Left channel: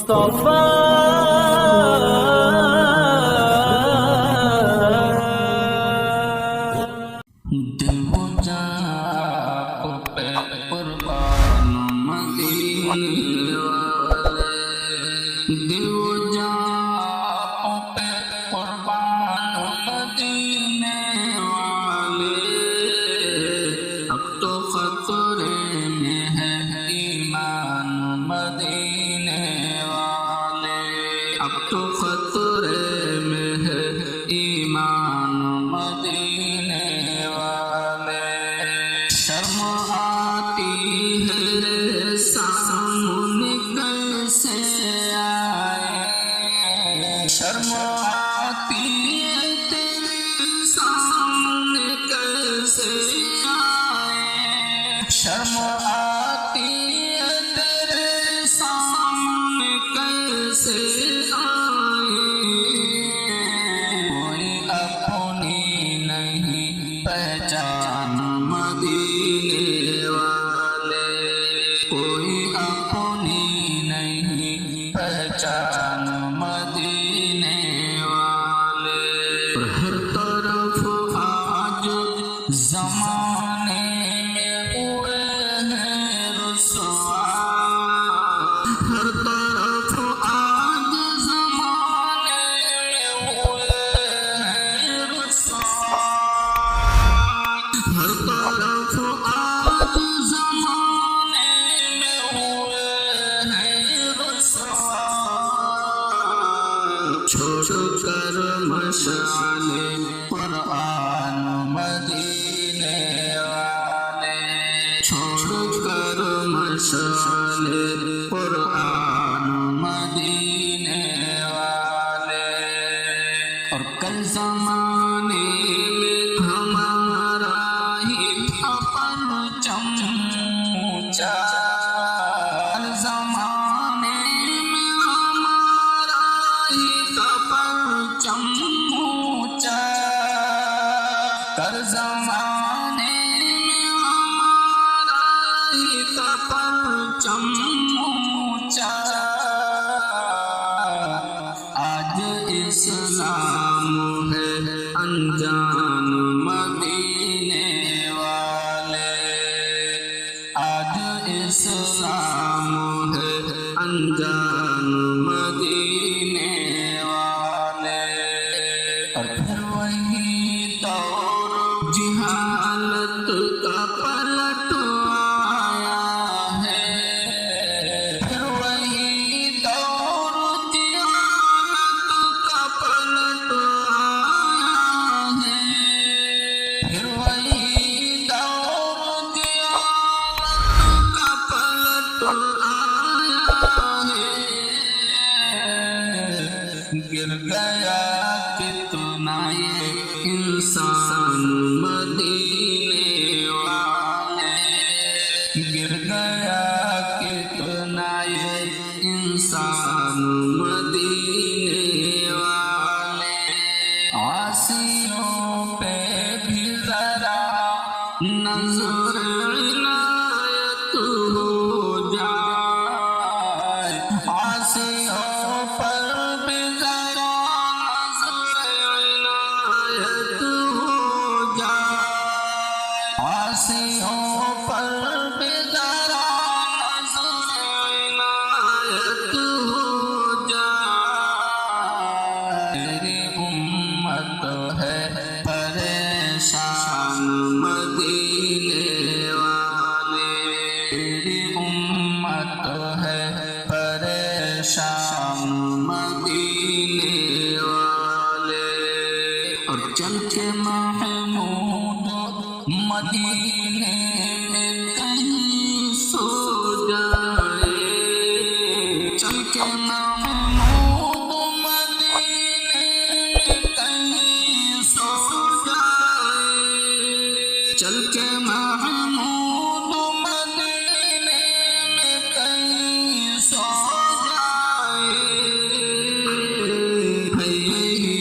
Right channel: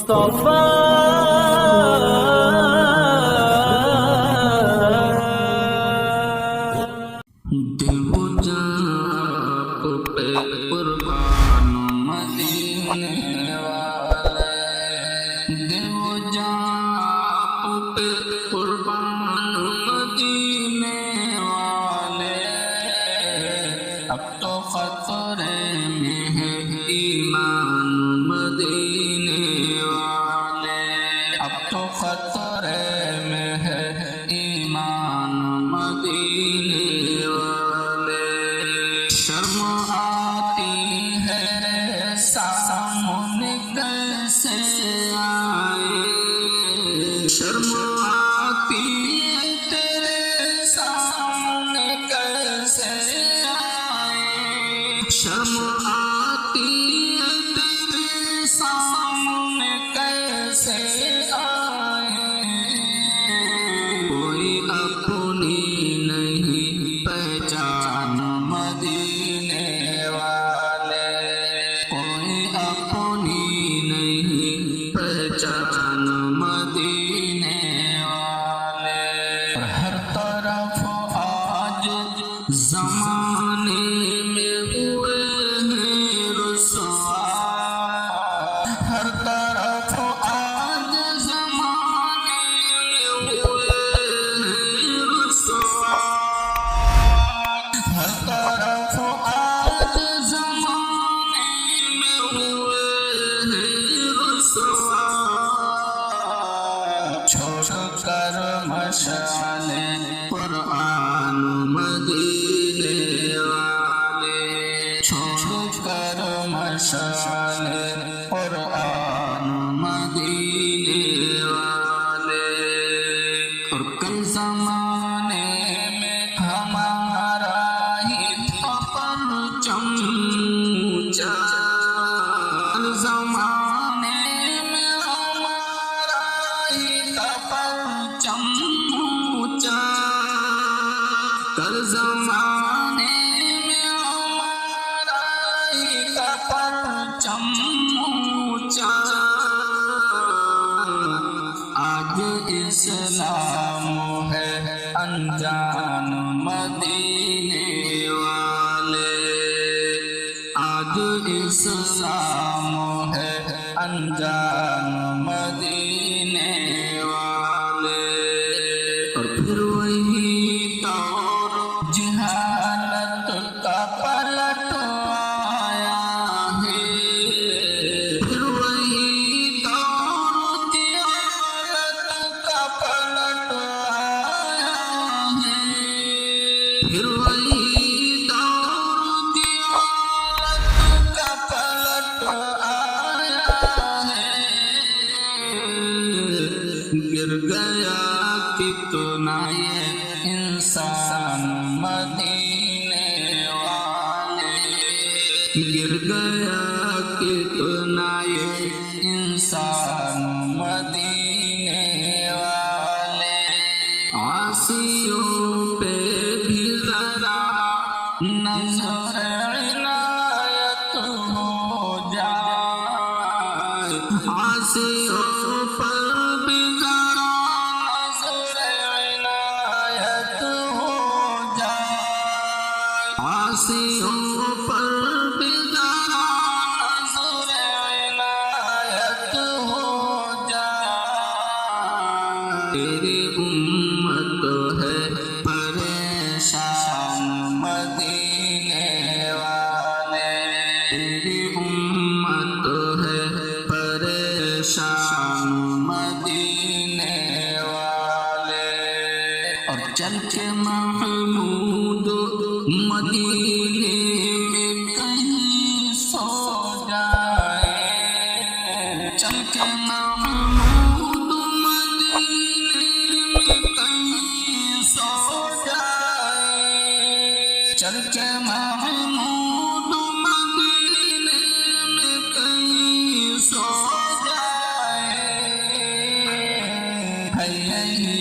مصطفیٰ دل و جان پہ قربان مدینے والے، دل و جان پہ قربان مدینے والے، اب تو خطرے میں ہے ایمان مدینے والے، اب تو خطرے میں ہے ایمان مدینے والے۔ شرم آتی ہے سامنے کیسے آئے، شرم آتی ہے تیرے سامنے کیسے آئے، شرم آتی ہے تیرے سامنے کیسے آئے، کوئی اپنی نہیں پہچان مدینے والے، کوئی اپنی نہیں پہچان مدینے والے۔ اور ہر طرف آج زمانے میں ہوئے ہیں رسوا، ہر طرف آج زمانے میں ہوئے ہیں رسوا، ہر طرف آج زمانے میں ہوئے ہیں رسوا۔ چھوڑ کر مشعل قرآن مدینے والے، چھوڑ کر مشعل قرآن مدینے والے۔ اور کل زمانے میں ہمارا ہی تھا پرچم اونچا، کل زمانے میں ہمارا ہی تھا پرچم اونچا، کل زمانے میں ہمارا ہی تھا پرچم اونچا۔ آج اسلام ہے انجان مدینے والے، آج اسلام ہے انجان مدینے والے۔ اور پھر وہی دور جہالت کا پلٹ آیا ہے، پھر وہی دور جہالت کا پلٹ آیا ہے، پھر وہی دور جہالت کا پلٹ آیا ہے۔ گر گیا کتنا یہ انسان مدینے والے، گر گیا کتنا یہ انسان مدینے والے۔ عاصیوں پہ بھی ذرا نظر عنایت ہو جائے، عاصیوں پر بھی ذرا نظر عنایت ہو جائے، عاصیوں پر بھی ذرا نظر عنایت ہو جائے۔ تیری امت ہے پریشان مدینے والے، تیری امت ہے پریشان مدینے والے۔ اور چل کے محمود مدینے میں کہیں سو جائے، چل کے محمود مدینے میں کہیں سو جائے، چل کے محمود مدینے میں کہیں سو جائے۔ ہے یہی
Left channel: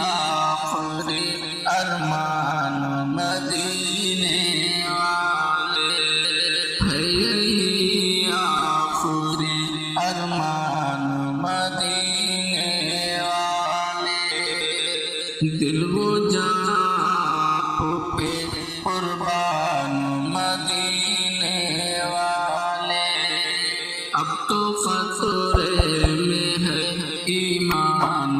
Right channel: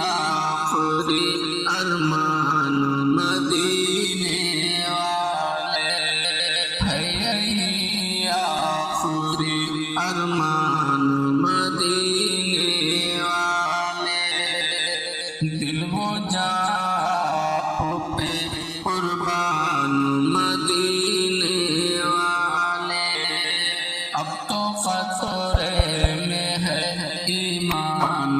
آخری ارمان مدینے والے، ہے یہی آخری ارمان مدینے والے دل و جان پہ قربان مدینے والے اب تو خطرے میں ہے ایمان